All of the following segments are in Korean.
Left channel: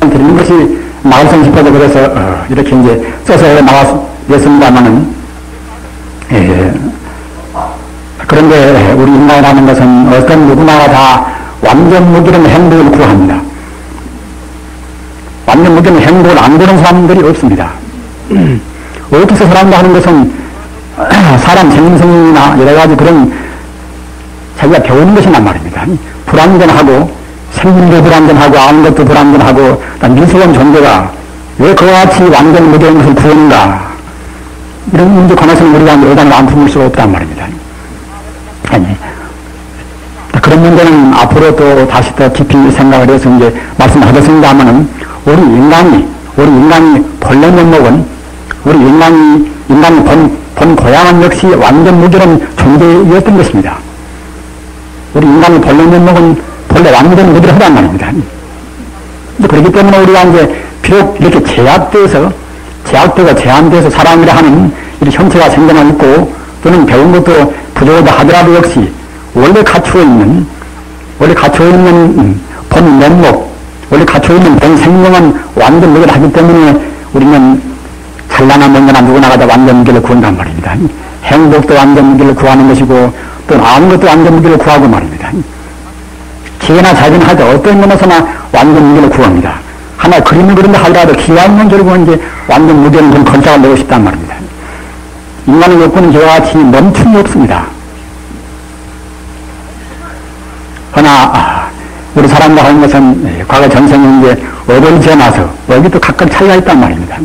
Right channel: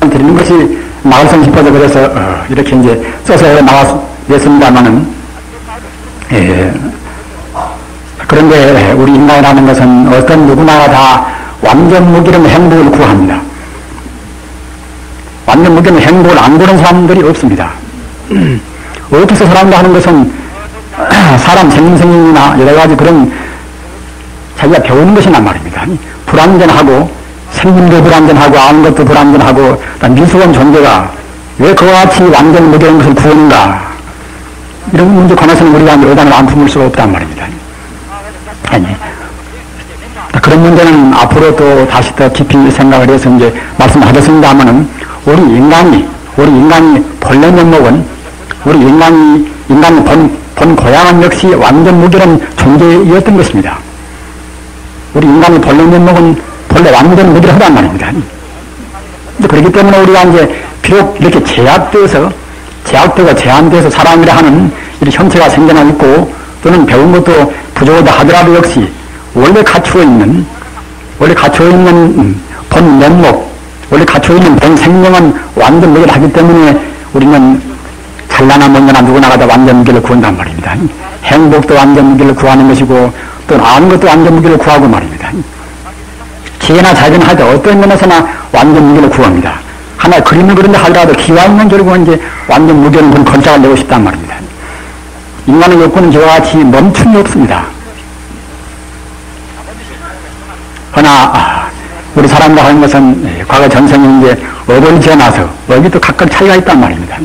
드리는 것이 나올성 싶어서 그래서 이렇게 이제 써서 나왔습니다만은 그런데 우리 인간이라는 것은 어떤 누구나가 다 완전 무기는 행복을 구합니다. 완전 무기는 행복을 안 구하는 사람들이 없습니다. 어디서 살아간다 하는 것은 사람 생생이나 여러 가지 그런 자기가 배우는 것이란 말입니다. 불완전하고 생명도 불완전하고 아무것도 불완전하고 미숙한 존재가 왜 그와 같이 완전 무대인 것을 구하는가, 이런 문제에 관해서는 우리가 의단을 안 품을 수가 없단 말입니다. 아니, 그런 문제는 앞으로 또 다시 더 깊이 생각을 해서 이제 말씀하셨습니다만은 우리 인간이 본래 면목은 우리 인간이 본 고향은 역시 완전 무결한 존재였던 것입니다. 우리 인간의 본래 면목은 본래 완전 무결하단 말입니다. 그렇기 때문에 우리가 이제 비록 이렇게 제약되고 제한돼서 사람이라 하는 이런 형체가 생겨나 있고 또는 배운 것도 부족하다 하더라도 역시 원래 갖추어 있는 본 면목, 원래 갖추어 있는 본 생명은 완전 무결하기 때문에 우리는 찬란한 명령한 누구나가 다 완전 무결을 구한단 말입니다. 행복도 완전 무결을 구하는 것이고 또는 아무것도 완전 무결을 구하고 말입니다. 기회나 자기는 하여튼 어떤 면에서나 완전 무결을 구합니다. 하나 그림을 그린다 하더라도 기와 있는 결국은 이제 완전 무결은 좀 건착을 내고 싶단 말입니다. 인간의 욕구는 저와 같이 멈춤이 없습니다. 그러나 우리 사람들 하는 것은 과거 전생에 이제 얼굴이 지어나서 여기도 각각 차이가 있단 말입니다.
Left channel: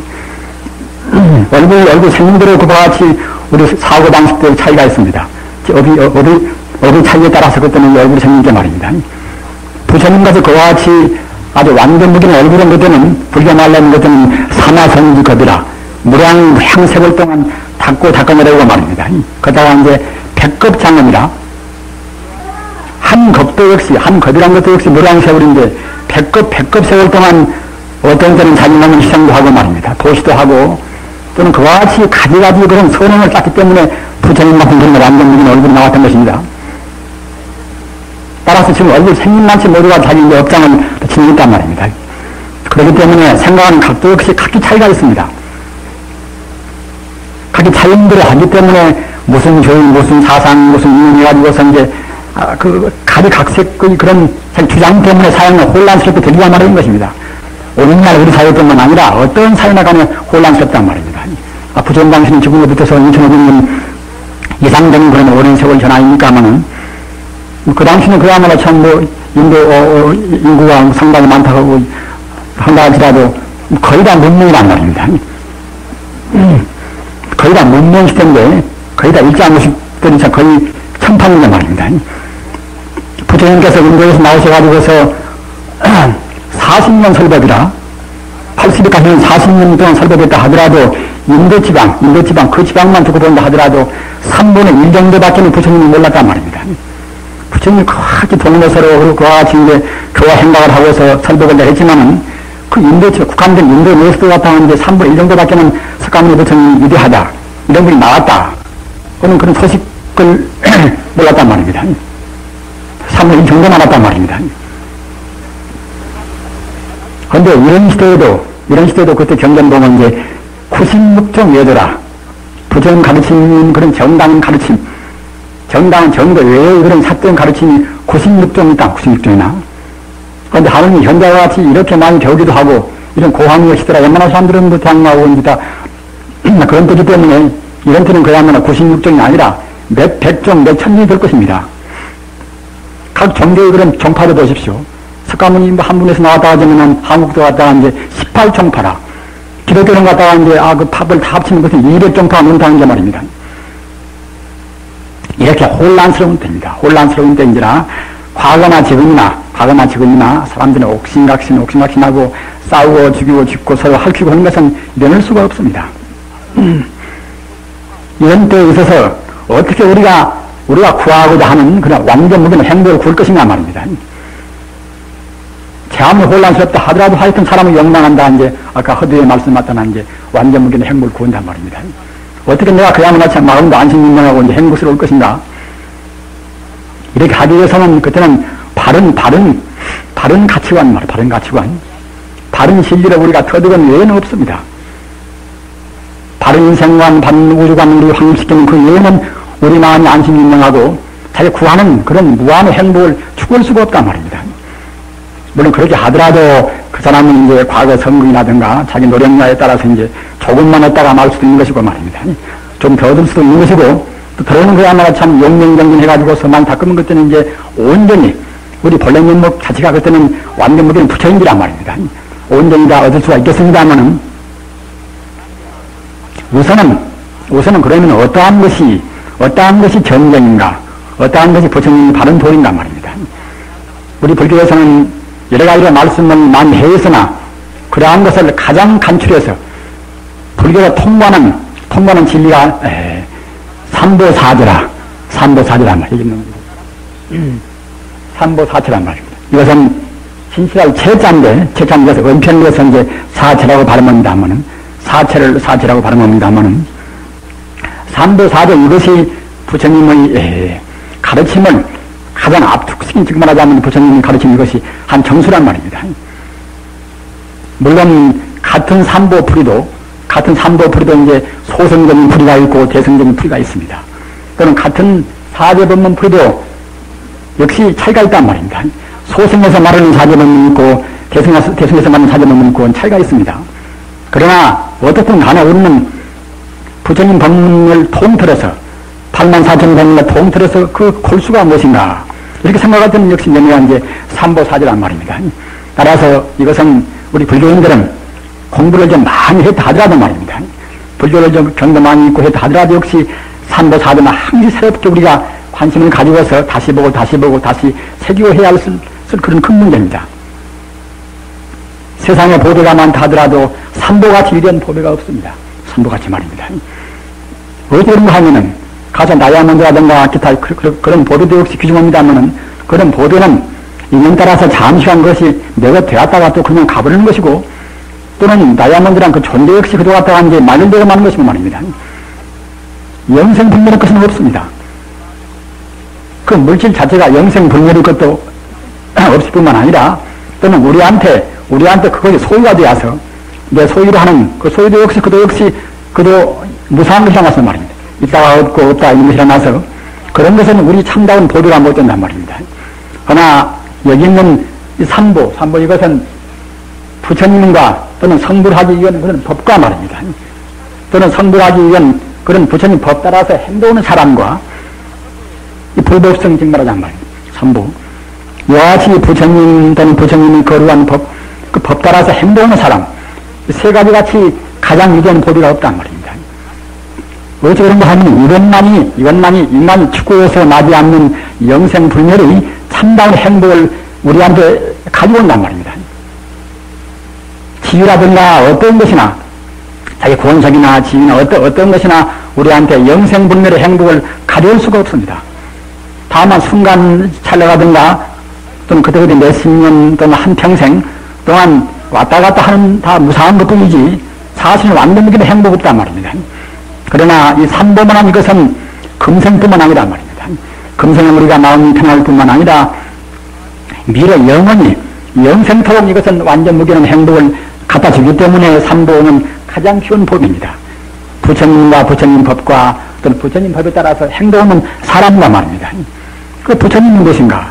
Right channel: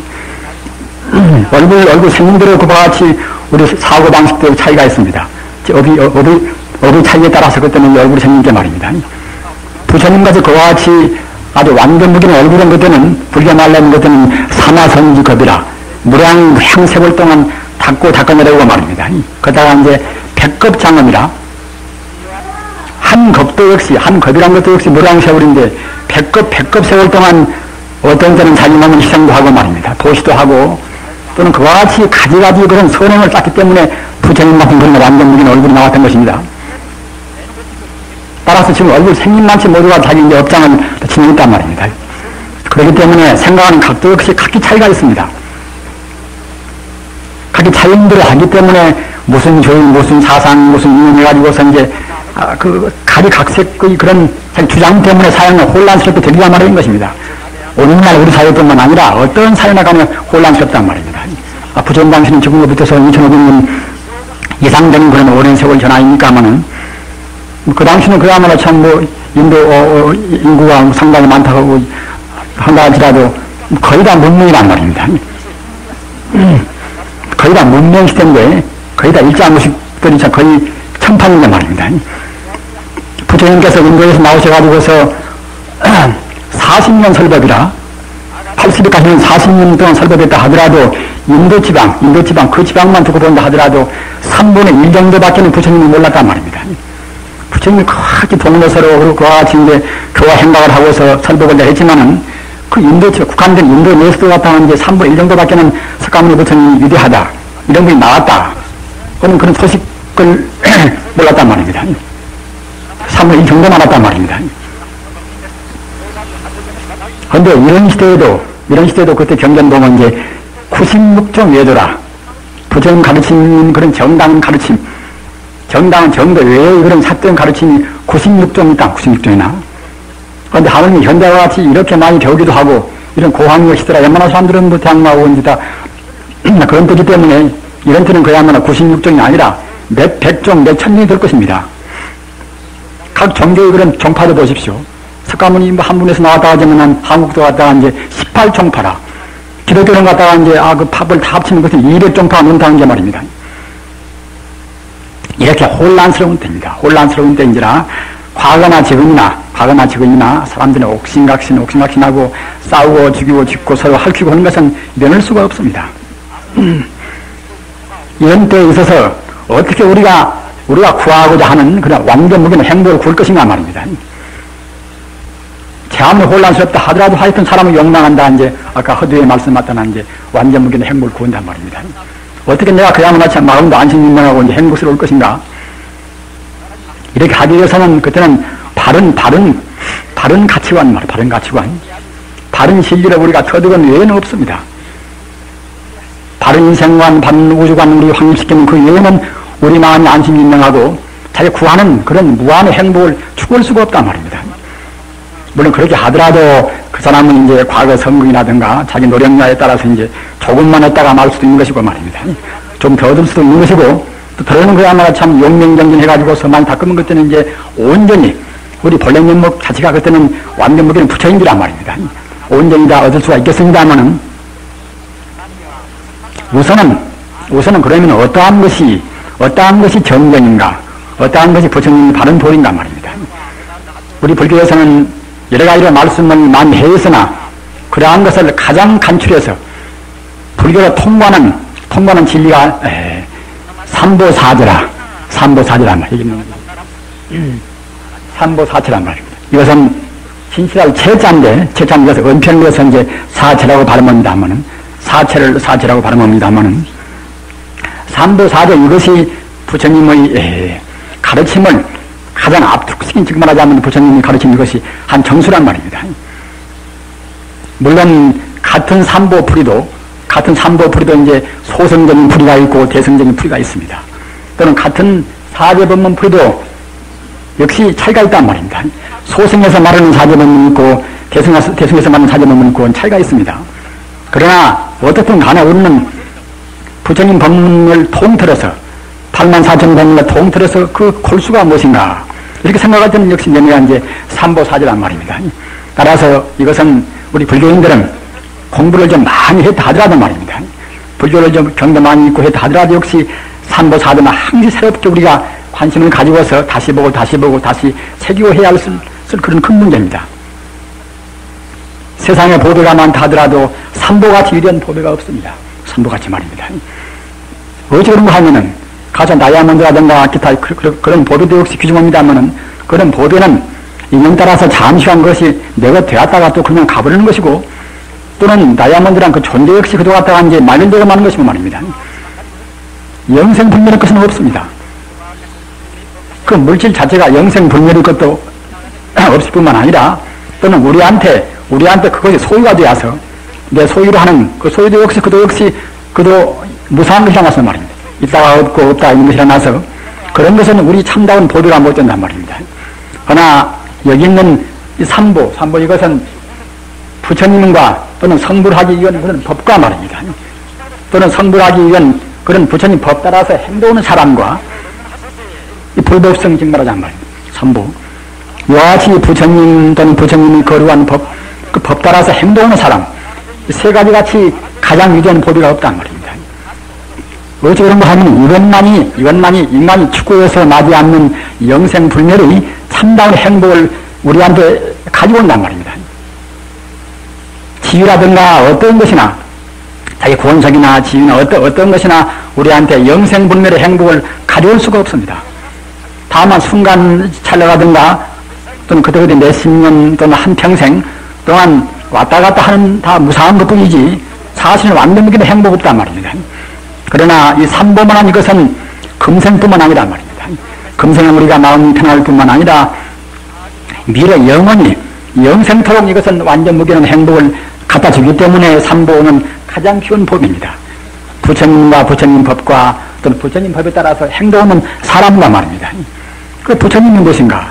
얼굴 생김대로 그와 같이 우리 사고방식대로 차이가 있습니다. 어디 차이에 따라서 그때는 얼굴이 생긴 게 말입니다. 부처님같이 그와 같이 아주 완전 무기는 얼굴은 그때는 불교 말라는 것은 사마성지겁이라 무량 행세월 동안 닦아내려고 말입니다. 그러다가 이제 백겁장엄이라 한 겁이란 것도 역시 무량 세월인데 백겁 세월 동안 어떤 때는 자기만은 희생도 하고 말입니다. 도시도 하고 또는 그와 같이 가지가지 그런 선행을 쌓기 때문에 부처님 같은 그런 완전 무기는 얼굴이 나왔던 것입니다. 따라서 지금 얼굴 생김만치 모두가 자기 이제 업장을 지니고 있단 말입니다. 그렇기 때문에 생각하는 각도 역시 각기 차이가 있습니다. 각기 차이들을 하기 때문에 무슨 교인, 무슨 사상, 무슨 인연이 가지고서 이제 각색의 그런 주장 때문에 사연을 혼란스럽게 되리란 말인 것입니다. 오늘날 우리 사회뿐만 아니라 어떤 사회나 간에 혼란스럽단 말입니다. 부처님 당신은 지금부터서 2500년 이상되는 그런 오랜 세월 전화이니까만은 그 당시는 그야말로 참 인도 인구가 상당히 많다고 한다 할지라도 거의 다 문명이란 말입니다. 거의 다 문명 시대인데 거의 다 일자무식들이 거의 천판이란 말입니다. 부처님께서 인도에서 나오셔가지고서 40년 설법이라 80까지는 40년 동안 설법했다 하더라도 인도지방 그 지방만 두고 본다 하더라도 3분의 1 정도밖에는 부처님이 몰랐단 말입니다. 부처님이 그렇게 동료서로 그와 같이 이제 교화 생각을 하고서 설법을 했지만은 그 국한된 인도 내에서도 같다는 이제 3분의 1 정도밖에는 석가모니 부처님이 위대하다, 이런 분이 나왔다, 또는 그런 소식을 몰랐단 말입니다. 3분의 1 정도만 알았단 말입니다. 그런데 이런 시대에도 그때 경전 보면 이제 96종 외도라, 부처님 가르치는 그런 정당한 가르침, 정당한 정도 외의 그런 사된 가르침이 96종 있다, 96종이나. 그런데 하느님 현자와 같이 이렇게 많이 배우기도 하고, 이런 고학력 시대라 웬만한 사람들은 뭐 대학 나오고 이제 다 그런 뜻이 때문에 이런 때는 그야말로 96종이 아니라 몇 백종, 몇 천종이 될 것입니다. 각 종교의 그런 종파를 보십시오. 석가모니 한 분에서 나왔다 하자면 한국도 갔다가 이제 18종파라. 기독교는 갔다가 이제 그 팝을 다 합치는 것은 200종파가 넘다는 게 말입니다. 이렇게 혼란스러운 때입니다. 혼란스러운 때인지라 과거나 지금이나 사람들은 옥신각신하고 싸우고 죽이고 짓고 서로 핥히고 하는 것은 면할 수가 없습니다. 이런 때에 있어서 어떻게 우리가 구하고자 하는 그런 완전 무기는 행동을 구할 것인가 말입니다. 참 혼란스럽다 하더라도 하여튼 사람을 욕망한다, 이제 아까 허두에 말씀하셨다나 이제 완전 무기는 행복을 구한단 말입니다. 어떻게 내가 그야말로 참 마음도 안심민명하고 이제 행복스러울 것인가? 이렇게 하기 위해서는 그때는 다른 가치관. 바른 진리를 우리가 터득은 외에는 없습니다. 바른 인생관, 바른 우주관을 확립시키는 그 외에는 우리 마음이 안심인명하고 자기 구하는 그런 무한의 행복을 추구할 수가 없단 말입니다. 물론 그렇게 하더라도 그 사람은 이제 과거 성공이라든가 자기 노력량에 따라서 이제 조금만 했다가 말 수도 있는 것이고 말입니다. 좀 더 얻을 수도 있는 것이고 또 들어오는 그야말로 참 용맹정진해가지고 서만 닦으면 그때는 이제 온전히 우리 본래 면목 자체가 그때는 완전 무기는 부처인지란 말입니다. 온전히 다 얻을 수가 있겠습니다만은 우선은 그러면 어떠한 것이 정정인가, 어떠한 것이 부처님의 바른 도리인가 말입니다. 우리 불교에서는 여러 가지로 말씀을 많이 해서나 그러한 것을 가장 간추려서 불교로 통과하는 진리가 삼보사제란 말이에요. 삼보사체란 말입니다. 이것은 신실할 채자인데 이것을 은편에서 이제 사체라고 발음합니다만은 사체라고 발음합니다만은 삼보사제 이것이 부처님의 가르침을 가장 압축시킨 즉 말하자면 부처님이 가르친 이것이 한 정수란 말입니다. 물론 같은 삼보풀이도 이제 소성적인 풀이가 있고 대성적인 풀이가 있습니다. 또는 같은 사제법문 풀이도 역시 차이가 있단 말입니다. 소성에서 말하는 사제법문이 있고 대성에서 말하는 사제법문이 있고 차이가 있습니다. 그러나 어떻든 간에 우리는 부처님 법문을 통틀어서 84,000 법문을 통틀어서 그 골수가 무엇인가 이렇게 생각할 때는 역시 내가 이제 삼보사제란 말입니다. 따라서 이것은 우리 불교인들은 공부를 좀 많이 했다 하더라도 말입니다. 불교를 좀 경도 많이 있고 했다 하더라도 역시 삼보사제는 항상 새롭게 우리가 관심을 가지고서 다시 보고 다시 새기고 해야 할 그런 큰 문제입니다. 세상에 보배가 많다 하더라도 삼보같이 이런 보배가 없습니다. 삼보같이 말입니다. 왜 그런가 하면은 가서 다이아몬드라든가 기타 그런 보배도 역시 귀중합니다만은 그런 보배는 인연 따라서 잠시한 것이 내가 되었다가 또 그냥 가버리는 것이고 또는 다이아몬드란 그 존재 역시 그도 갔다가 이제 말년되고 마는 것이고 말입니다. 영생불멸의 것은 없습니다. 그 물질 자체가 영생불멸의 것도 없을 뿐만 아니라 또는 우리한테 그것이 소유가 되어서 내 소유로 하는 그 소유도 역시 그도 무상한 것이라 나서 말입니다. 있다가 없고 없다 있는 것이라 나서 그런 것은 우리 참다운 보배가 못 된단 말입니다. 그러나 여기 있는 이 삼보 이것은 부처님과 또는 성불하기 위한 그런 법과 말입니다. 또는 성불하기 위한 그런 부처님 법 따라서 행동하는 사람과 이 불법성 즉 말하자는 말입니다. 삼보. 이와 같이 부처님 또는 부처님이 거루한 법, 그 법 따라서 행동하는 사람, 이 세 가지 같이 가장 위대한 법이가 없단 말입니다. 왜 그런가 하면 이것만이 인간이 추구해서 나지 않는 영생불멸의 참다운 행복을 우리한테 가지고 온단 말입니다. 지위라든가 어떤 것이나 자기 권석이나 지위나 어떤 것이나 우리한테 영생불멸의 행복을 가져올 수가 없습니다. 다만 순간 찰나라든가 또는 그때그때 몇십 년 또는 한평생 동안 왔다 갔다 하는 다 무상한 것뿐이지 사실은 완전무기는 행복 없단 말입니다. 그러나 이 삼보만한 이것은 금생뿐만 아니란 말입니다. 금생은 우리가 마음이 편할 뿐만 아니라 미래 영원히 영생토록 이것은 완전 무기는 행복을 갖다 주기 때문에 삼보는 가장 쉬운 법입니다. 부처님과 부처님 법과 또는 부처님 법에 따라서 행동하는 사람과 말입니다. 그 부처님은 무엇인가?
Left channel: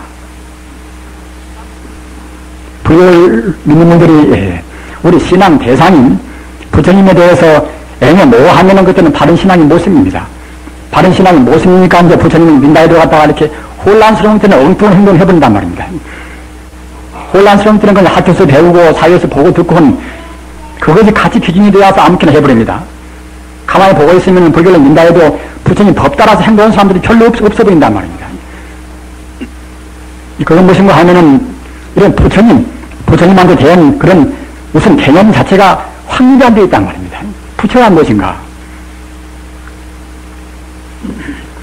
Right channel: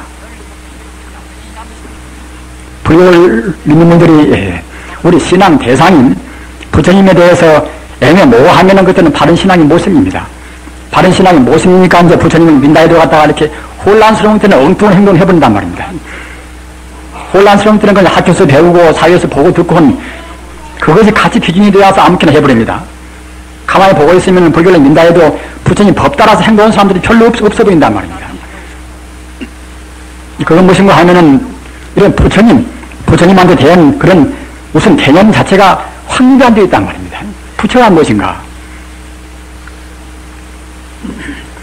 불교를 믿는 분들이 우리 신앙 대상인 부처님에 대해서 애매모호하면은 그때는 바른 신앙의 모습입니다. 바른 신앙의 모습이니까 이제 부처님을 민다에 들어갔다가 이렇게 혼란스러운 때는 엉뚱한 행동을 해본단 말입니다. 혼란스러운 때는 그냥 학교에서 배우고 사회에서 보고 듣고 한 그것이 같이 기준이 되어서 아무렇게나 해버립니다. 가만히 보고 있으면 불교를 민다 해도 부처님 법 따라서 행동하는 사람들이 별로 없어 보인단 말입니다. 그건 무엇인가 하면은 이런 부처님한테 대한 그런 무슨 개념 자체가 확립이 안 되어 있단 말입니다. 부처가 무엇인가?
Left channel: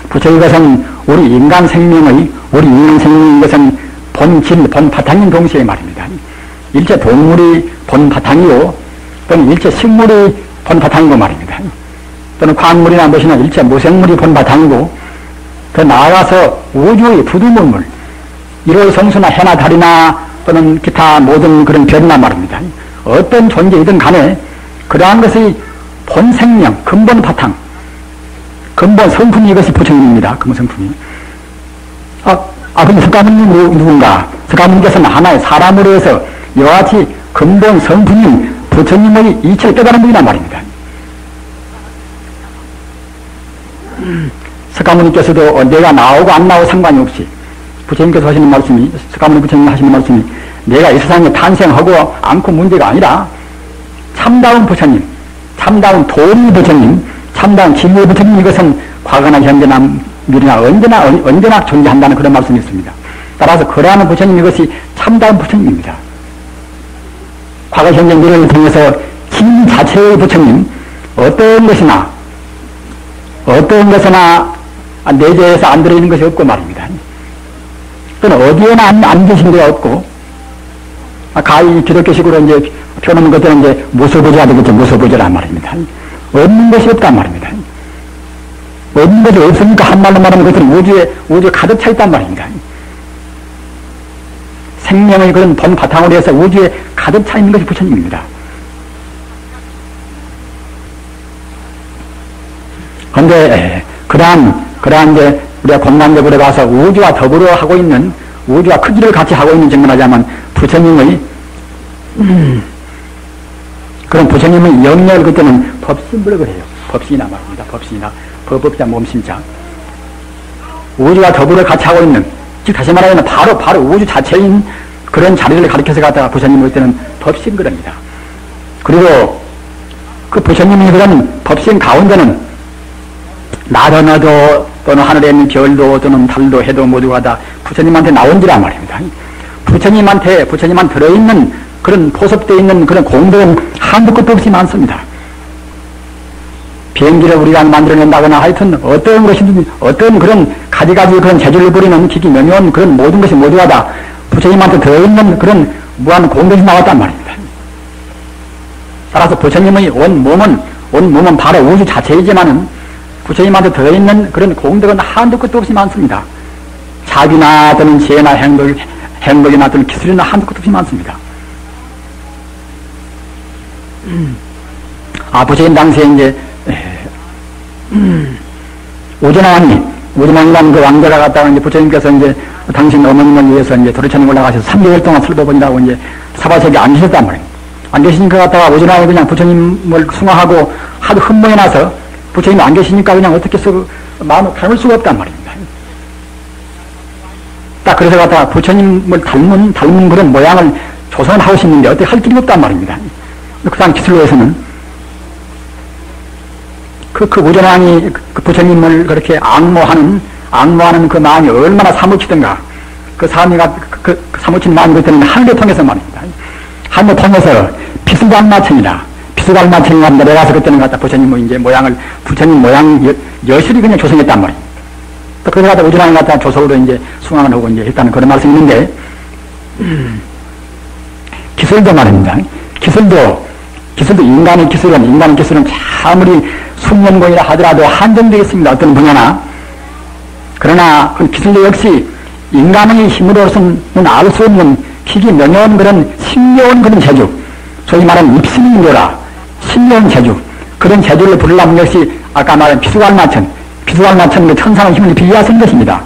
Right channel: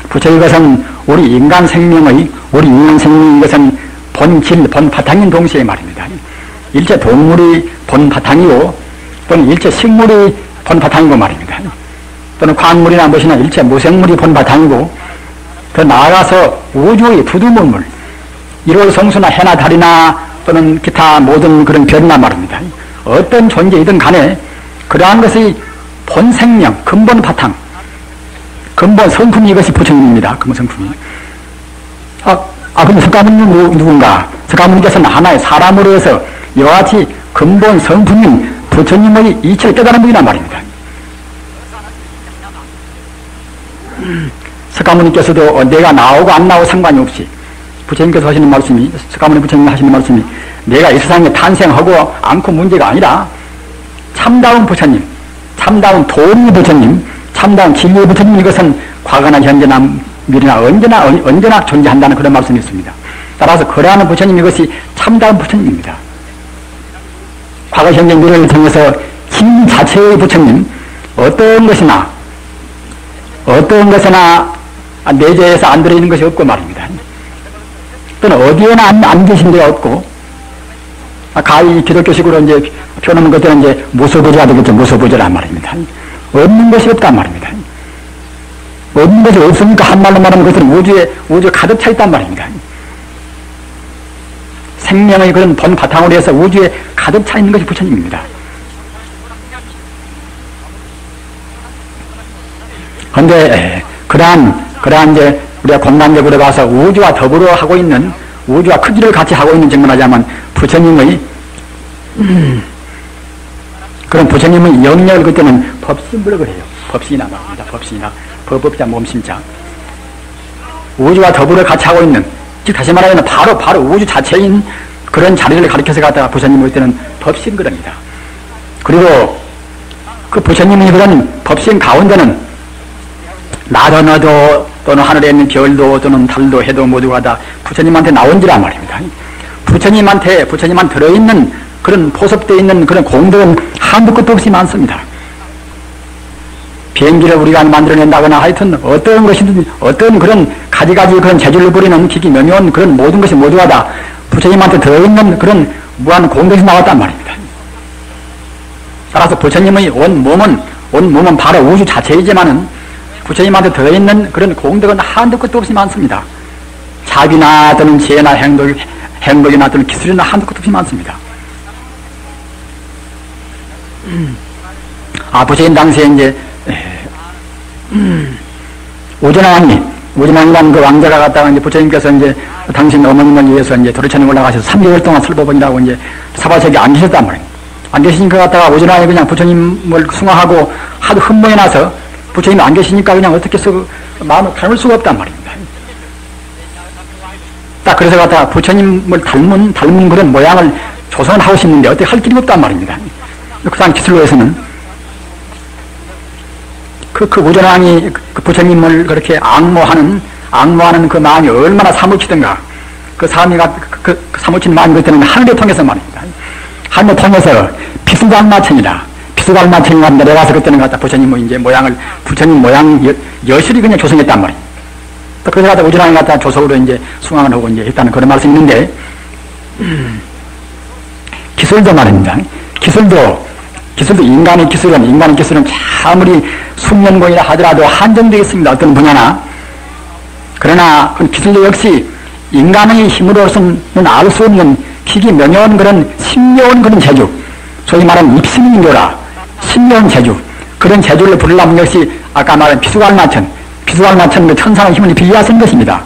부처 이것은 우리 인간 생명의 이것은 본질, 본바탕인 동시에 말입니다. 일체 동물이 본바탕이고 또는 일체 식물이 본바탕이고 말입니다. 또는 광물이나 무엇이나 일체 무생물이 본바탕이고 더 나아가서 우주의 두두문물 1월 성수나 해나 달이나 또는 기타 모든 그런 별이나 말입니다. 어떤 존재이든 간에 그러한 것의 본 생명, 근본 바탕, 근본 성품이 이것이 부처님입니다. 근본 성품이. 그럼 석가모니는 누군가? 석가모니께서는 하나의 사람으로 해서 이와 같이 근본 성품인 부처님의 이치를 깨달은 분이란 말입니다. 석가모니께서도 내가 나오고 안 나오고 상관이 없이 부처님께서 하시는 말씀이, 석가모니 부처님 하시는 말씀이 내가 이 세상에 탄생하고 않고 문제가 아니라 참다운 부처님, 참다운 도리 부처님, 참다운 진리의 부처님, 이것은 과거나 현재나 미래나 언제나 존재한다는 그런 말씀이 있습니다. 따라서 그러한 부처님, 이것이 참다운 부처님입니다. 과거 현재 미래를 통해서 진 자체의 부처님, 어떤 것이나 내재에서 안 들어있는 것이 없고 말입니다. 또는 어디에나 안 계신 데가 없고, 가히 기독교식으로 이제 표현하는 것들은 이제 무소부재가 되겠죠. 무소부재란 말입니다. 없는 것이 없단 말입니다. 없는 것이 없으니까 한말로 말하면 그것은 우주에 가득 차 있단 말입니다. 생명의 그런 본 바탕으로 해서 우주에 가득 차 있는 것이 부처님입니다. 그런데 그러한 이제 우리가 공간적으로 봐서 우주와 더불어 하고 있는, 우주와 크기를 같이 하고 있는 정말 부처님의 그런 부처님의 영역을 그때는 법신부를 그래요. 법신이나 말입니다. 법신이나 법법자 몸신자. 우주와 더불어 같이 하고 있는, 즉 다시 말하면 바로 우주 자체인 그런 자리를 가리켜서 갖다가 부처님 볼 때는 법신 그럽니다. 그리고 그 부처님의 그런 법신 가운데는 나도 너도 또는 하늘에 있는 별도 또는 달도 해도 모두가 다 부처님한테 나온지란 말입니다. 부처님한테 들어있는 그런 포섭되어 있는 그런 공덕은 한두 끝도 없이 많습니다. 비행기를 우리가 만들어낸다거나 하여튼 어떤 것이든 어떤 그런 가지가지 그런 재주를 부리는 기기 명료한 그런 모든 것이 모두가 다 부처님한테 들어있는 그런 무한 공덕이 나왔단 말입니다. 따라서 부처님의 온 몸은 바로 우주 자체이지만은 부처님한테 들어있는 그런 공덕은 한두 끝도 없이 많습니다. 자비나 또는 지혜나 행복이나 또는 기술이나 한두 끝도 없이 많습니다. 부처님 당시에 이제 오전왕이라는 그 왕자가 갔다가 이제 부처님께서 이제 당신 어머님을 위해서 이제 도리천에 올라가셔서 3개월 동안 설법한다고 이제 사바석에 안 계셨단 말이에요. 안 계시니까 갔다가 오전왕이 그냥 부처님을 숭화하고 하도 흠모해 나서 부처님이 안 계시니까 그냥 어떻게 해서 마음을 담을 수가 없단 말입니다. 딱 그래서 갖다가 부처님을 닮은 그런 모양을 조성을 하고 싶는데 어떻게 할 길이 없단 말입니다. 그 사람 기술로에서는 그 오전왕이 그 부처님을 그렇게 악모하는 그 마음이 얼마나 사무치던가. 그 사무친 마음이 그때는 하늘을 통해서 말입니다. 하늘을 통해서 피수갈마천이라 내려가서 그때는 갖다 부처님 모양 여실히 그냥 조성했단 말이에요. 또 그래서 갖다 오전왕이 갖다 조석으로 이제 숭앙을 하고 이제 했다는 그런 말씀이 있는데, 기술도 말입니다. 기술도 인간의 기술은 아무리 숙련공이라 하더라도 한정되어 있습니다. 어떤 분야나. 그러나 그 기술도 역시 인간의 힘으로서는 알 수 없는 기기 명료한 그런 신묘한 그런 재주, 소위 말하는 입신인교라 신묘한 재주, 그런 재주를 부르려면 역시 아까 말한 피수갈마천 그 천상의 힘을 빌려야 쓰는 것입니다.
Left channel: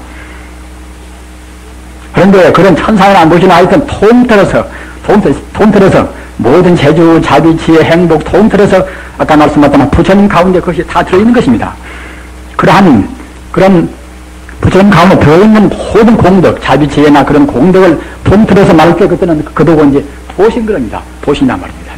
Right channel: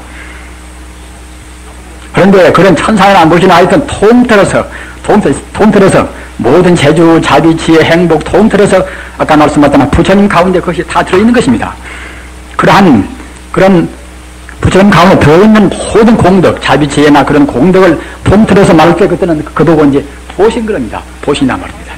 그런데 그런 천상을 안 보시나 하여튼 통틀어서 모든 재주, 자비, 지혜, 행복 통틀어서 아까 말씀하셨던 부처님 가운데 그것이 다 들어있는 것입니다. 그런 부처님 가운데 들어있는 모든 공덕, 자비, 지혜나 그런 공덕을 통틀어서 말할 때 그때는 그도고 이제 보신 그럽니다. 보신이란 말입니다.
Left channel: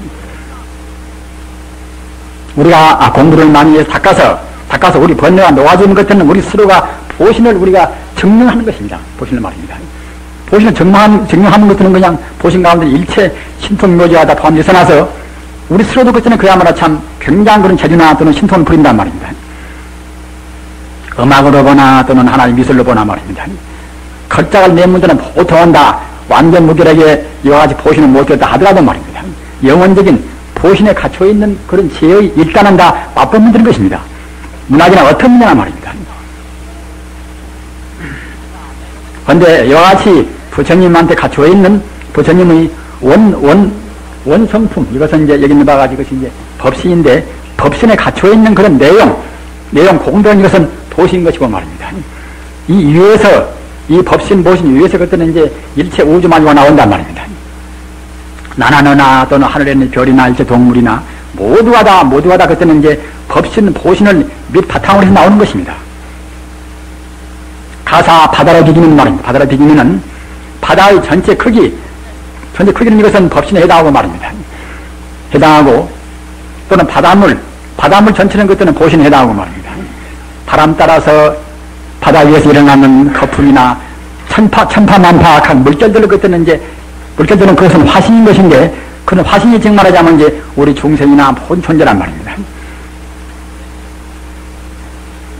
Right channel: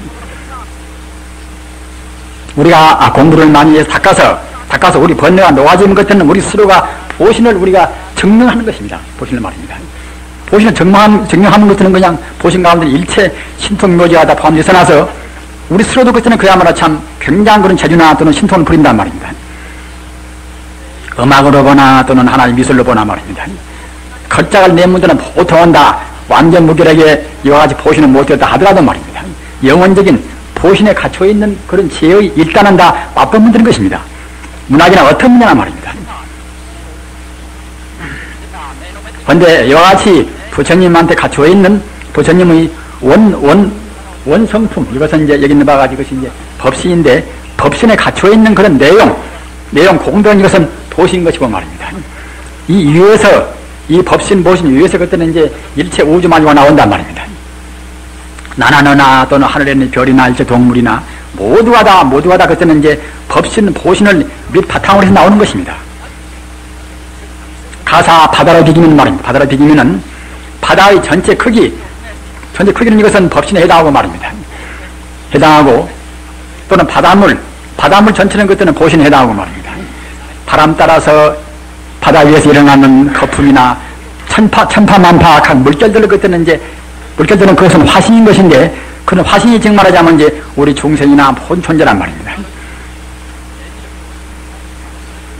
우리가 공부를 많이 해서 닦아서 우리 번뇌가 놓아지는 것들은 우리 스스로가 보신을 우리가 증명하는 것입니다. 보신을 말입니다. 보신을 증명하는 것들은 그냥 보신 가운데 일체 신통묘지가 다 포함돼서 나서 우리 스스로도 그때는 그야말로 참 굉장한 그런 재주나 또는 신통을 부린단 말입니다. 음악으로 보나 또는 하나의 미술로 보나 말입니다. 걸작을 낸 분들은 보통은 다 완전 무결하게 이와 같이 보신을 못했다 하더라도 말입니다. 영원적인 보신에 갇혀있는 그런 지혜의 일단은 다 맛보면 되는 것입니다. 문학이나 어떤 문화나 말입니다. 그런데 이와 같이 부처님한테 갇혀있는 부처님의 원성품, 이것은 이제 여기 있는 바가 이것이 이제 법신인데, 법신에 갇혀 있는 그런 내용 공변 이것은 도시인 것이고 말입니다. 이 위에서, 이 법신, 보신 위에서 그때는 이제 일체 우주만유가 나온단 말입니다. 나나 너나 또는 하늘에 있는 별이나 일체 동물이나 모두가 다 그때는 이제 법신, 보신을 밑 바탕으로 해서 나오는 것입니다. 가사 바다로 비기면 말입니다. 바다로 비기면은 바다의 전체 크기는 이것은 법신에 해당하고 말입니다. 해당하고 또는 바닷물 전체는 그때는 보신에 해당하고 말입니다. 바람 따라서 바다 위에서 일어나는 거품이나 천파만파악한 물결들을 그때는 이제 물결들은 그것은 화신인 것인데 그런 화신이 즉 말하자면 이제 우리 중생이나 본존재란 말입니다.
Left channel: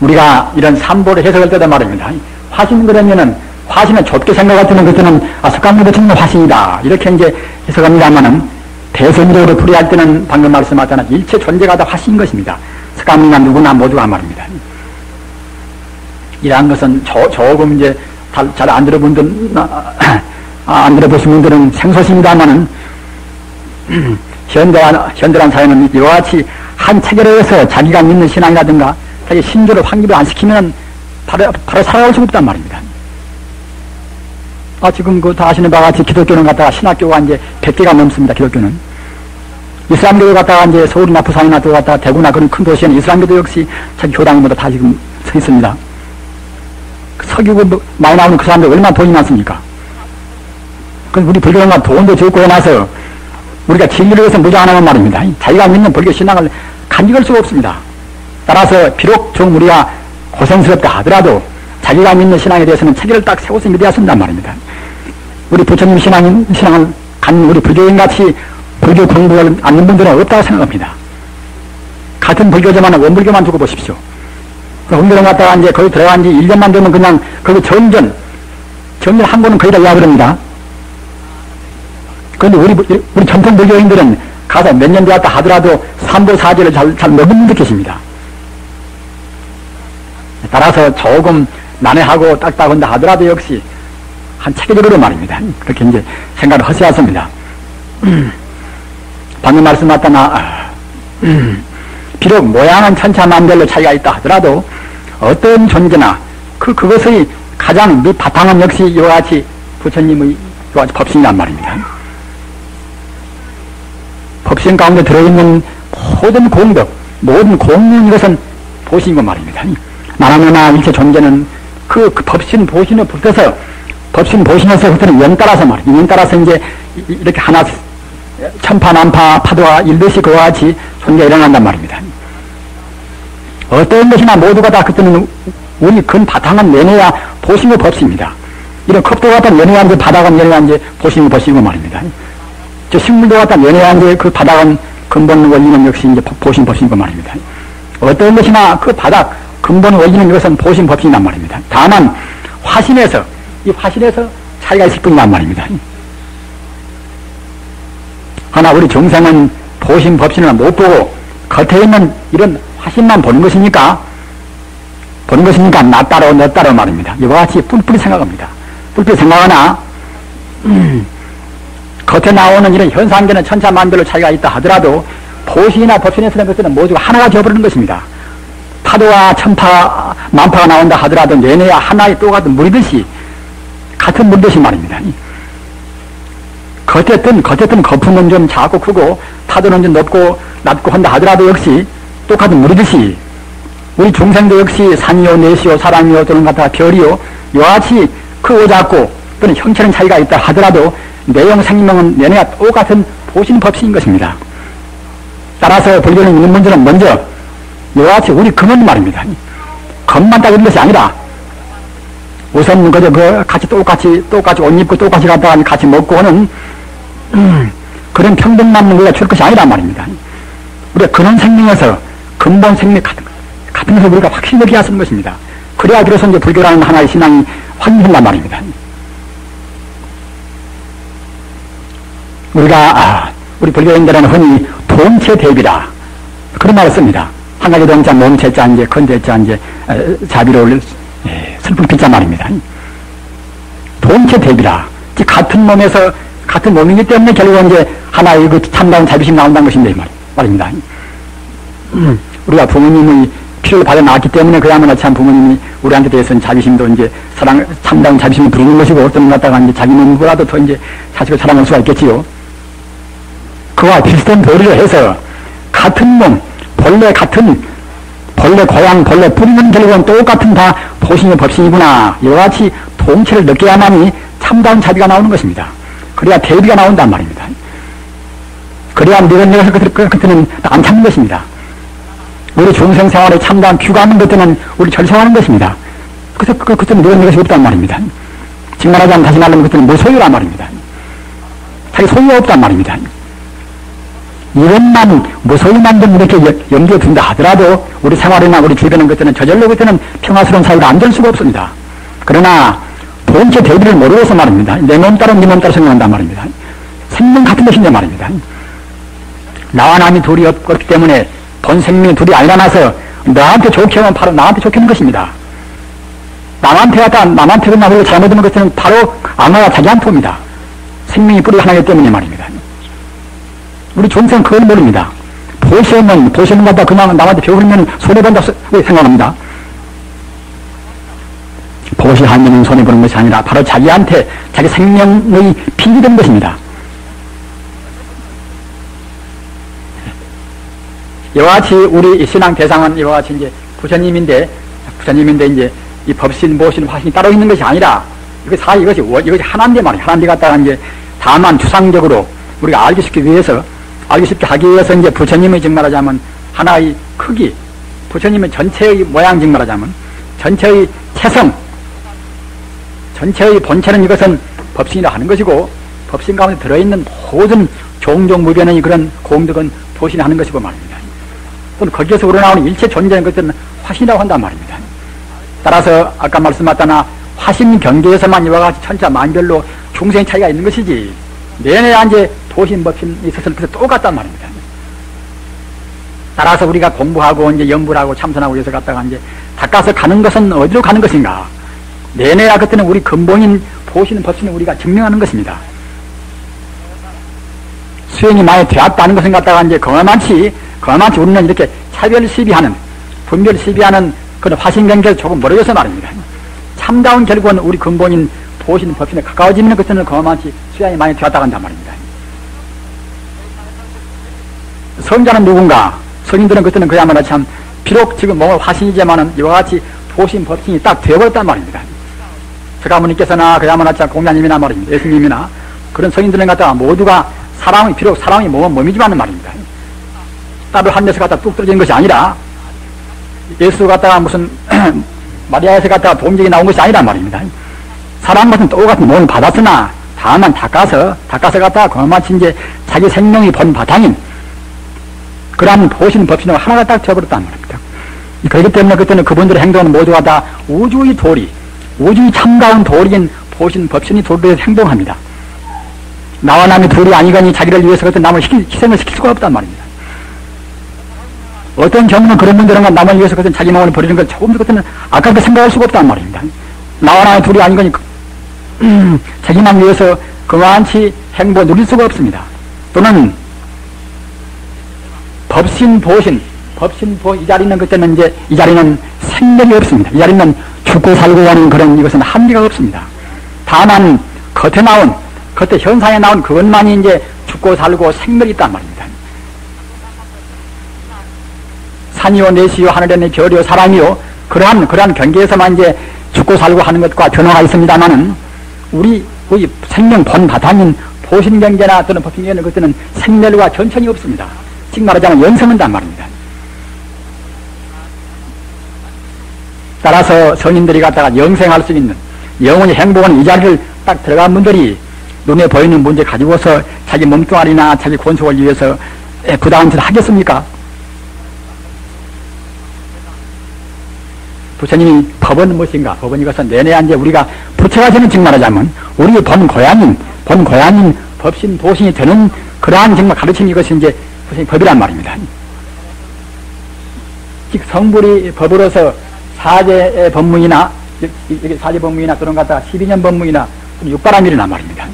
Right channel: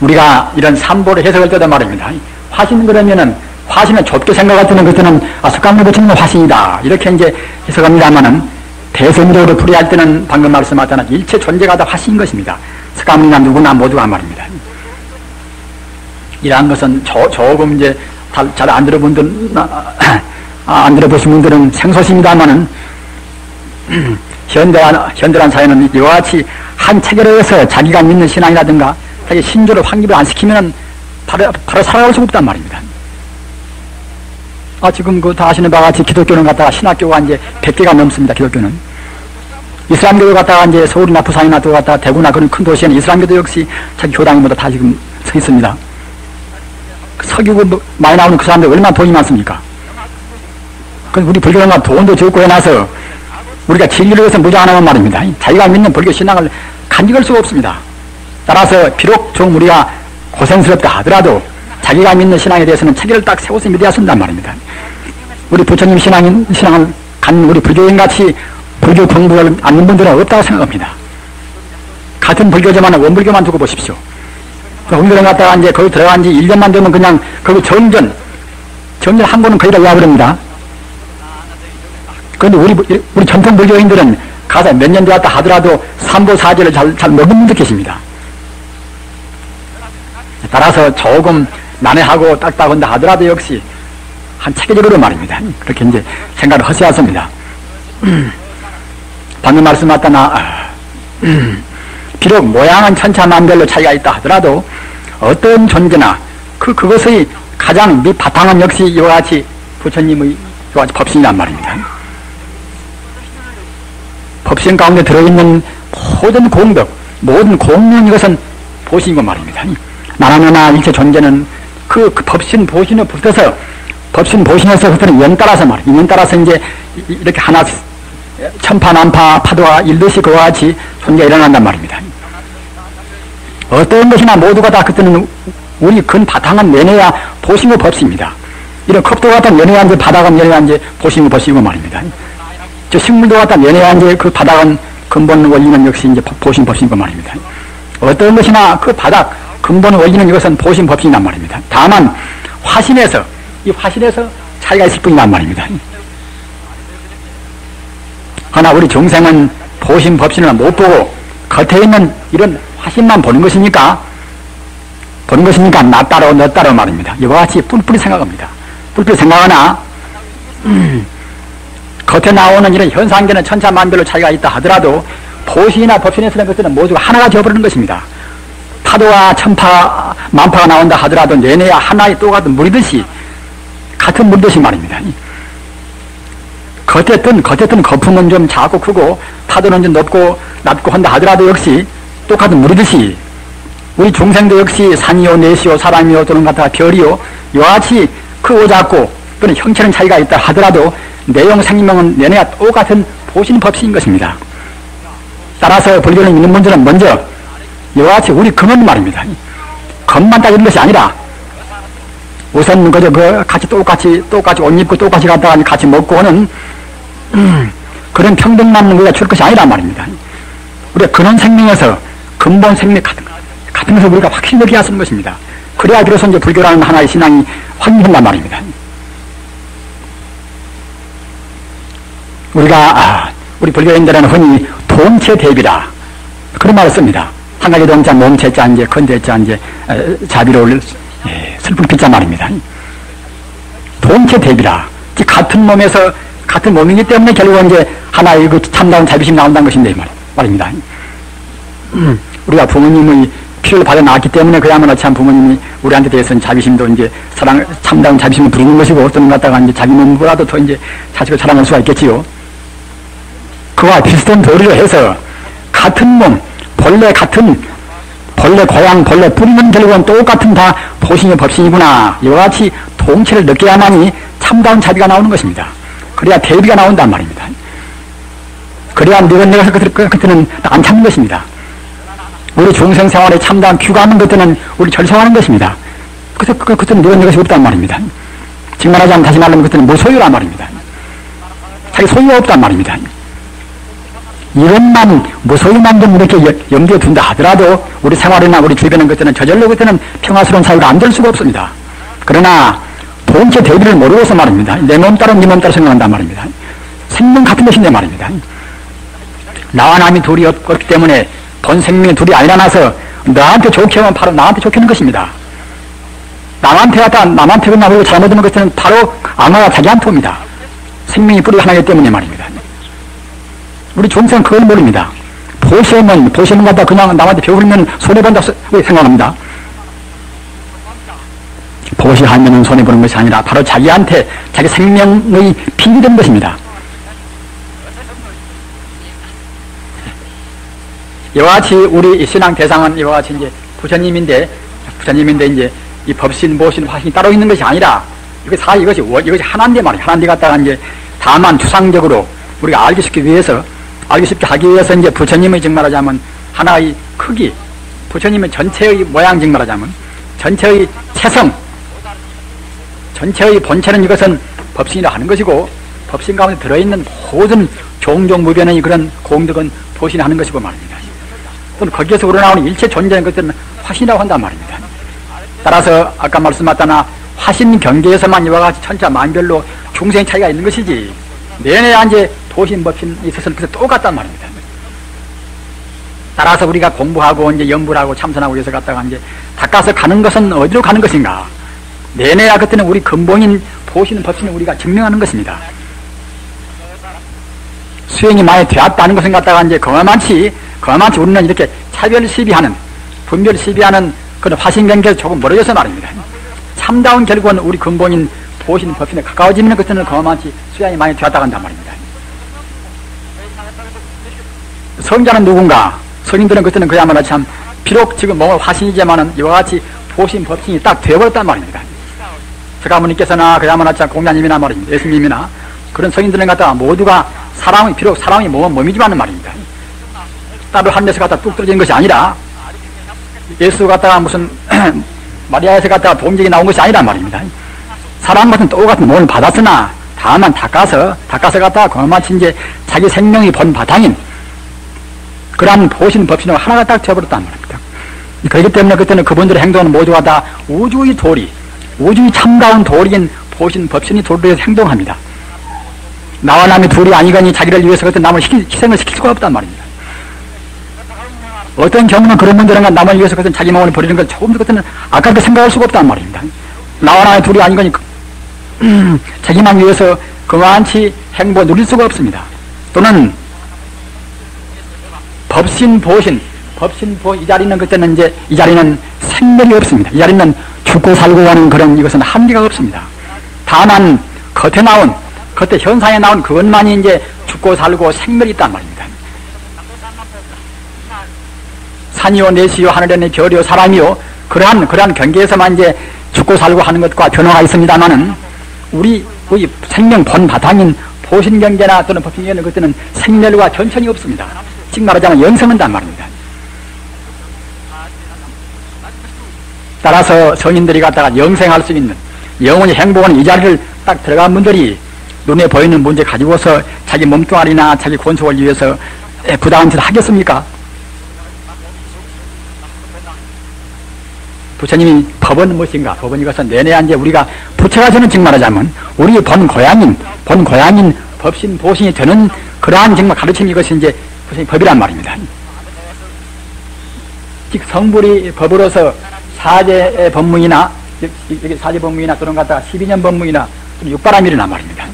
우리가 이런 삼보를 해석할 때도 말입니다. 화신 그러면은 화신은 좁게 생각할 때는 그때는 석가모니 부처님은 화신이다 이렇게 이제 해석합니다만은 대세미도를 풀이할 때는 방금 말씀하셨던 일체 존재가 다 화신인 것입니다. 석가모니나 누구나 모두가 말입니다. 이러한 것은 조금 이제 잘 안 들어본 분들 안 들어보신 분들은 생소십니다만은 현대란 사회는 이와 같이 한 체계로서 자기가 믿는 신앙이라든가 자기 신조를 확립을 안 시키면 바로 살아갈 수가 없단 말입니다. 지금 다 아시는 바와 같이 기독교는 갖다가 신학교가 이제 100개가 넘습니다. 기독교는. 이슬람교도 갖다가 이제 서울이나 부산이나 또 갖다가 대구나 그런 큰 도시에는 이슬람교도 역시 자기 교당이 모두 다 지금 서 있습니다. 석유가 많이 나오는 그 사람들 얼마나 돈이 많습니까? 그래서 우리 불교가 돈도 적고 해놔서 우리가 진리를 위해서 무장 안 하면 말입니다. 자기가 믿는 불교 신앙을 간직할 수가 없습니다. 따라서 비록 좀 우리가 고생스럽다 하더라도 자기가 믿는 신앙에 대해서는 체계를 딱 세워서 믿어야 쓴단 말입니다. 우리 부처님 신앙을 갖는 우리 불교인같이 불교 공부를 않는 분들은 없다고 생각합니다. 같은 불교지만 원불교만 두고 보십시오. 원불교 갔다가 이제 거기 들어간 지 1년만 되면 그냥 거기 정전 한 번은 거의 다 이야기합니다. 그런데 우리 전통 불교인들은 가서 몇 년 되었다 하더라도 삼보사제를 잘 못 믿는 계십니다. 따라서 조금 난해하고 딱딱한다 하더라도 역시 한 체계적으로 말입니다. 그렇게 이제 생각을 허세하십니다. 방금 말씀하셨다나 비록 모양은 천차만별로 차이가 있다 하더라도 어떤 존재나 그것의 가장 밑바탕은 역시 이와 같이 부처님의 이와 같이 법신이란 말입니다. 법신 가운데 들어있는 모든 공덕, 모든 공론 이것은 보신이고 말입니다. 나나나나 일체 존재는 그 법신 보신에 붙어서 법신 보신에서 그때는 연 따라서 말이에요. 연 따라서 이제 이렇게 하나 천파만파 파도가 일듯이 그와 같이 존재가 일어난단 말입니다. 어떤 것이나 모두가 다 그때는 우리 근 바탕은 내내야 보신의 법신입니다. 이런 컵도 갖다 내내야 이제 바닥은 내내야 이제 보신의 법신이고 말입니다. 저 식물도 갖다 내내야 이제 그 바닥은 근본 원리는 역시 이제 보신 법신이고 말입니다. 어떤 것이나 그 바닥 근본 원리는 이것은 보신 법신이란 말입니다. 다만 화신에서 차이가 있을 뿐이란 말입니다. 하나 우리 중생은 보신 법신을 못 보고 겉에 있는 이런 화신만 보는 것이니까 나 따로 너 따로 말입니다. 이와 같이 뿔뿔이 생각합니다. 뿔뿔이 생각하나 겉에 나오는 이런 현상계는 천차만별로 차이가 있다 하더라도 보신이나 법신에서는 그때는 모두가 하나가 되어버리는 것입니다. 파도와 천파 만파가 나온다 하더라도 내내야 하나의 또 같은 물듯이 같은 물듯이 말입니다. 겉에 뜬 거품은 좀 작고 크고 파도는 좀 높고 낮고 한다 하더라도 역시 똑같은 물이듯이 우리 중생도 역시 산이요 내시요 사람이요 또는 같아 별이요 이와 같이 크고 작고 또는 형체는 차이가 있다 하더라도 내용 생명은 내내야 똑같은 보신 법신인 것입니다. 따라서 불교를 믿는 분들은 먼저 이와 같이 우리 근원 말입니다. 겉만 딱 있는 것이 아니라 우선 그저 같이 똑같이 옷 입고 똑같이 갔다가 같이 먹고 하는 그런 평등만 우리가 줄 것이 아니란 말입니다. 우리가 근원 생명에서 근본 생명 같은 것을 우리가 확실히 느끼게 하는 것입니다. 그래야 비로소 이제 불교라는 하나의 신앙이 확립한단 말입니다. 우리 불교인들은 흔히 동체대비라 그런 말을 씁니다. 한가지 동자 몸체자 이제 건재자 이제 자비로 올릴 슬픈 빛자 말입니다. 동체대비라 같은 몸에서 같은 몸이기 때문에 결국은 이제 하나의 그 참다운 자비심이 나온다는 것인데 말입니다. 우리가 부모님의 피를 받아 나왔기 때문에 그야말로 참 부모님이 우리한테 대해서는 자비심도 이제 사랑, 참다운 자비심을 부리는 것이고 어떤 갖다가 이제 자기 몸보다도 더 이제 자식을 사랑할 수가 있겠지요. 그와 비슷한 도리로 해서 같은 몸, 본래 고향, 본래 뿌리는 결국은 똑같은 다 보신이 법신이구나. 이와 같이 통치를 느껴야만이 참다운 자비가 나오는 것입니다. 그래야 대비가 나온단 말입니다. 그래야 내가 그때는 안 참는 것입니다. 우리 중생 생활에 참다운 규가하는 것들은 우리 절성하는 것입니다. 그때는 내가 것이 없단 말입니다. 즉 말하자면 다시 말하면 그때는 무소유란 말입니다. 자기 소유가 없단 말입니다. 이것만 무소유만 좀 이렇게 염두에 둔다 하더라도 우리 생활이나 우리 주변의 것들은 저절로 그때는 평화스러운 사회가 안 될 수가 없습니다. 그러나 본체 대비를 모르고서 말입니다. 내 몸 따라 네 몸 따라 생각한단 말입니다. 생명 같은 것인데 말입니다. 나와 남이 둘이 없기 때문에 본 생명이 둘이 아니라나서 나한테 좋게 하면 바로 나한테 좋게 하는 것입니다. 남한테 그냥 우리가 잘못하는 것들은 바로 아마가 자기한테 옵니다. 생명이 뿌리 하나이기 때문에 말입니다. 우리 중생은 그걸 모릅니다. 보시면 갖다 그냥 남한테 배우면 손해본다 생각합니다. 보시하면 손해보는 것이 아니라 바로 자기한테 자기 생명의 빚이 된 것입니다. 이와 같이 우리 신앙 대상은 이와 같이 이제 부처님인데 이제 이 법신, 보신, 화신이 따로 있는 것이 아니라 이것이 하나인데 말이에요. 하나인데 갖다가 이제 다만 추상적으로 우리가 알기 쉽게 하기 위해서 이제 부처님의 즉 말하자면 하나의 크기, 부처님의 전체의 모양 즉 말하자면 전체의 체성, 전체의 본체는 이것은 법신이라 하는 것이고 법신 가운데 들어있는 모든 종종무변의 그런 공덕은 보신이 하는 것이고 말입니다. 또는 거기에서 우러나오는 일체 존재는 것들은 화신이라고 한단 말입니다. 따라서 아까 말씀하셨다나 화신 경계에서만 이와 같이 천차 만별로 중생 차이가 있는 것이지 내내 이제 보신 법신이 있어서는 똑같단 말입니다. 따라서 우리가 공부하고 이제 연구를 하고 참선하고 해서 갔다가 이제 닦아서 가는 것은 어디로 가는 것인가? 내내야 그때는 우리 근본인 보시는 법신을 우리가 증명하는 것입니다. 수행이 많이 되었다는 것은 갖다가 이제 그만치 우리는 이렇게 차별 시비하는, 분별 시비하는 그런 화신 경계에서 조금 멀어져서 말입니다. 참다운 결국은 우리 근본인 보시는 법신에 가까워지는 것들은 그만치 수양이 많이 되었다 간단 말입니다. 성자는 누군가? 성인들은 그때는 그야말로 참 비록 지금 몸은 화신이지만은 이와 같이 보신 법신이 딱 되어버렸단 말입니다. 서가모니께서나 그야말로 참 공자님이나 말입니다. 예수님이나 그런 성인들은 갖다가 모두가 비록 사람이 몸이지만은 말입니다. 따로 한 데서 갖다 뚝 떨어진 것이 아니라 예수 갖다가 무슨 마리아에서 갖다가 봉적이 나온 것이 아니란 말입니다. 사람 같은 똑같은 몸을 받았으나 다만 닦아서 갖다가 고마치 이제 자기 생명이 본 바탕인 그러한 보시는 법신으로 하나가 딱 쳐버렸단 말입니다. 그렇기 때문에 그때는 그분들의 행동은 모두가 다 우주의 도리, 우주의 참다운 도리인 보시는 법신이 도리에서 행동합니다. 나와 남이 둘이 아니거니 자기를 위해서 그때 남을 희생을 시킬 수가 없단 말입니다. 어떤 경우는 그런 분들은 남을 위해서 그때 자기 몸을 버리는 걸 조금도 그때는 아깝게 생각할 수가 없단 말입니다. 나와 남이 둘이 아니거니 자기만 위해서 그만치 행보 누릴 수가 없습니다. 또는 법신, 보신, 이 자리는 그때는 이제 이 자리는 생멸이 없습니다. 이 자리는 죽고 살고 하는 그런 이것은 한계가 없습니다. 다만 겉에 현상에 나온 그것만이 이제 죽고 살고 생멸이 있단 말입니다. 산이요, 내시요, 하늘에 별이요, 사람이요, 그러한 경계에서만 이제 죽고 살고 하는 것과 변화가 있습니다만은 우리 생명 본 바탕인 보신 경계나 또는 법신경계는 그때는 생멸과 전천이 없습니다. 즉 말하자면 영생한단 말입니다. 따라서 성인들이 갖다가 영생할 수 있는 영원히 행복한 이 자리를 딱 들어간 분들이 눈에 보이는 문제 가지고서 자기 몸뚱아리나 자기 권속을 위해서 부당한 짓을 하겠습니까? 부처님이 법은 무엇인가? 법은 이것은 내내 이제 우리가 부처가 되는 즉 말하자면 우리 본 고향인 법신 보신이 되는 그러한 정말 가르친 이것이 이제 법이란 말입니다. 즉 성불이 법으로서 사제 법문이나 사제 법문이나 그런 것 같다 12년 법문이나 육바람일이란 말입니다.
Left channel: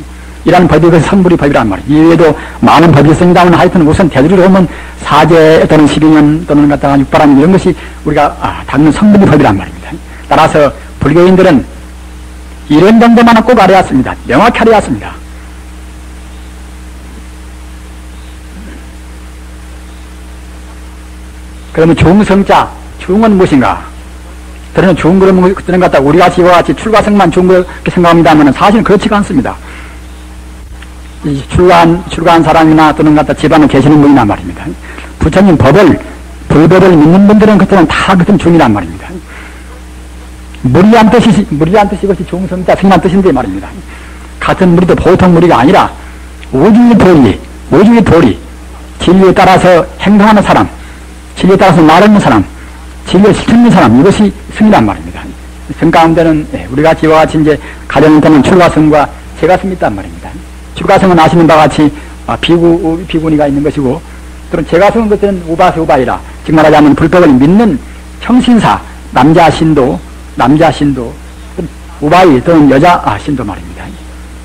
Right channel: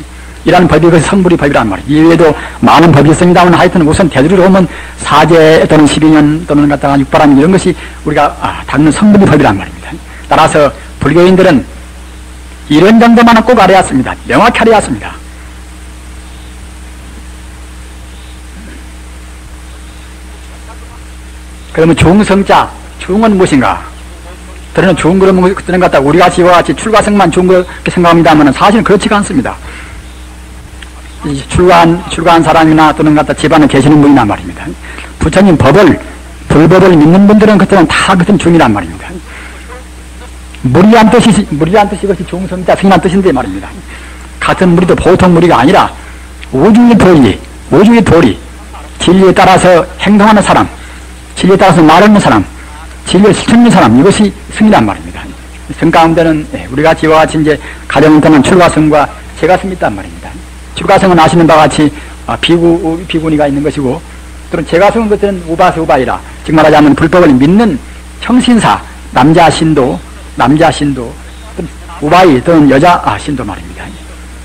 이라는 법이 그것이 선불의 법이란 말이에요. 이외에도 많은 법이 있습니다만 하여튼 우선 대두로 오면 사제 또는 12년 또는 갖다가 육바람 이런 것이 우리가 다루는 선불의 법이란 말입니다. 따라서 불교인들은 이런 정도만은 꼭 알아야 했습니다. 명확히 알아야 했습니다. 그러면 중성자, 중은 무엇인가? 저는 좋은 거는 그때는 갖다 우리가 지와 같이 출가성만 좋은 그렇게 생각합니다만 사실은 그렇지가 않습니다. 출가한 사람이나 또는 갖다 집안에 계시는 분이란 말입니다. 부처님 불법을 믿는 분들은 그때는 다 그땐 중이란 말입니다. 무리한 뜻이 이것이 중성자, 승이란 뜻인데 말입니다. 같은 무리도 보통 무리가 아니라 오주의 도리, 진리에 따라서 행동하는 사람, 진리에 따라서 말하는 사람, 진리를 실천하는 사람, 이것이 승이란 말입니다. 성 가운데는 우리가 지와 같이 이제 가정을 보면 출가성과 재가성이 있단 말입니다. 출가성은 아시는 바와 같이 비구니가 있는 것이고, 또는 재가성은 그때는 우바수우바이라, 즉 말하자면 불법을 믿는 청신사, 남자 신도, 우바이 또는 여자 신도 말입니다.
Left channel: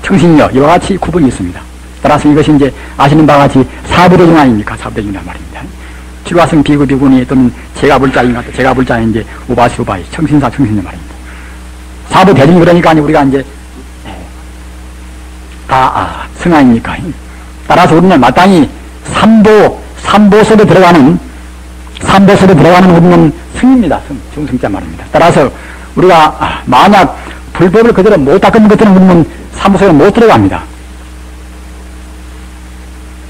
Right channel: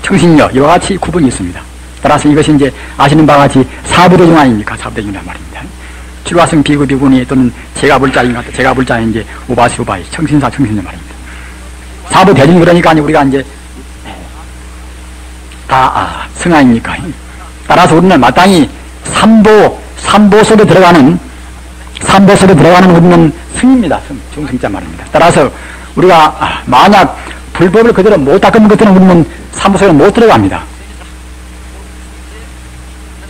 청신녀, 이와 같이 구분이 있습니다. 따라서 이것이 이제 아시는 바와 같이 사부대중 아닙니까? 사부대중이란 말입니다. 출가성 비구니 또는 제가불자인가, 제가불자인 이제 우바수우바이, 청신사, 청신녀 말입니다. 사부대중 그러니까 우리가 이제 승 아닙니까? 따라서 우리는 마땅히 삼보 속에 들어가는 우리는 승입니다. 중승자 말입니다. 따라서 우리가 만약 불법을 그대로 못 닦는 것들은 우리는 삼보 속에 못 들어갑니다.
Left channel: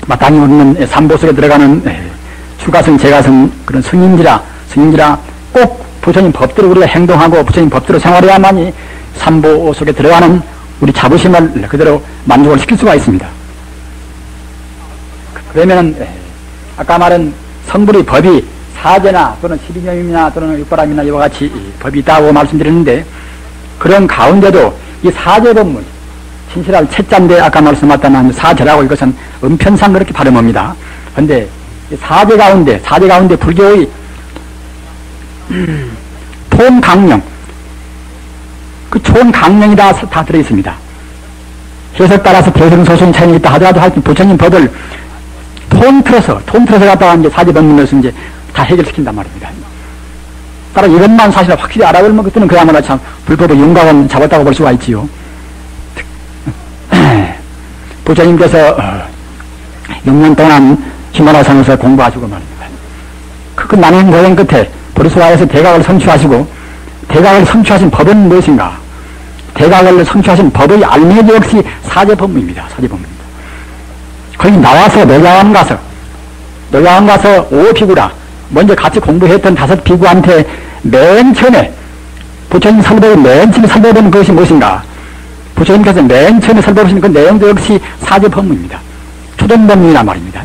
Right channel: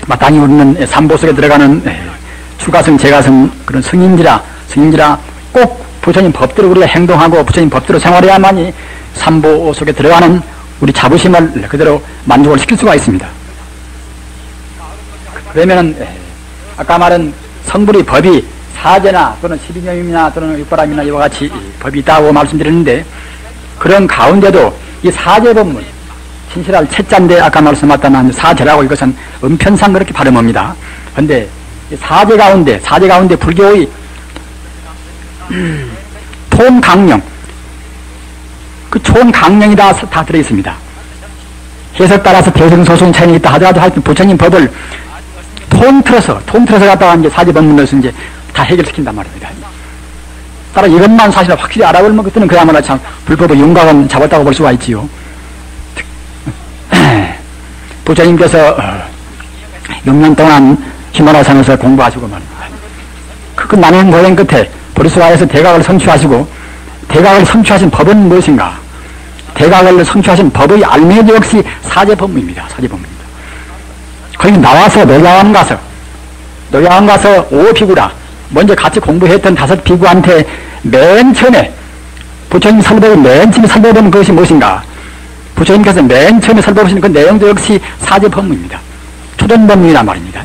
마땅히 우리는 삼보 속에 들어가는 출가성, 재가성 그런 승인지라 꼭 부처님 법대로 우리가 행동하고 부처님 법대로 생활해야만이 삼보 속에 들어가는 우리 자부심을 그대로 만족을 시킬 수가 있습니다. 그러면 아까 말한 선불의 법이 사제나 또는 12년이나 또는 육바람이나 이와 같이 법이 있다고 말씀드렸는데, 그런 가운데도 이 사제법문, 신실할 채자인데 아까 말씀하셨다만 사제라고 이것은 음편상 그렇게 발음합니다. 그런데 사제 가운데 불교의 총강령, 그 총강령이 다 들어있습니다. 해석 따라서 대승소송 차이가 있다 하더라도 하여튼 부처님 법을 통틀어서 갖다가 이제 사제법문에서 이제 다 해결시킨단 말입니다. 따라 이것만 사실 확실히 알아보면 그때는 그야말로 참 불법의 윤곽은 잡았다고 볼 수가 있지요. 부처님께서 6년 동안 히말라야산에서 공부하시고 말입니다. 그 나는 고행 끝에 보리스와에서 대각을 성취하시고, 대각을 성취하신 법은 무엇인가? 대각을 성취하신 법의 알매기 역시 사제법문입니다. 사제법문입니다. 거기 나와서 노야원 가서 5비구라 먼저 같이 공부했던 5비구한테 맨 처음에 부처님 설법의 맨 처음에 설법은 그것이 무엇인가? 부처님께서 맨 처음에 설법하신 그 내용도 역시 사제법문입니다. 초등법문이란 말입니다.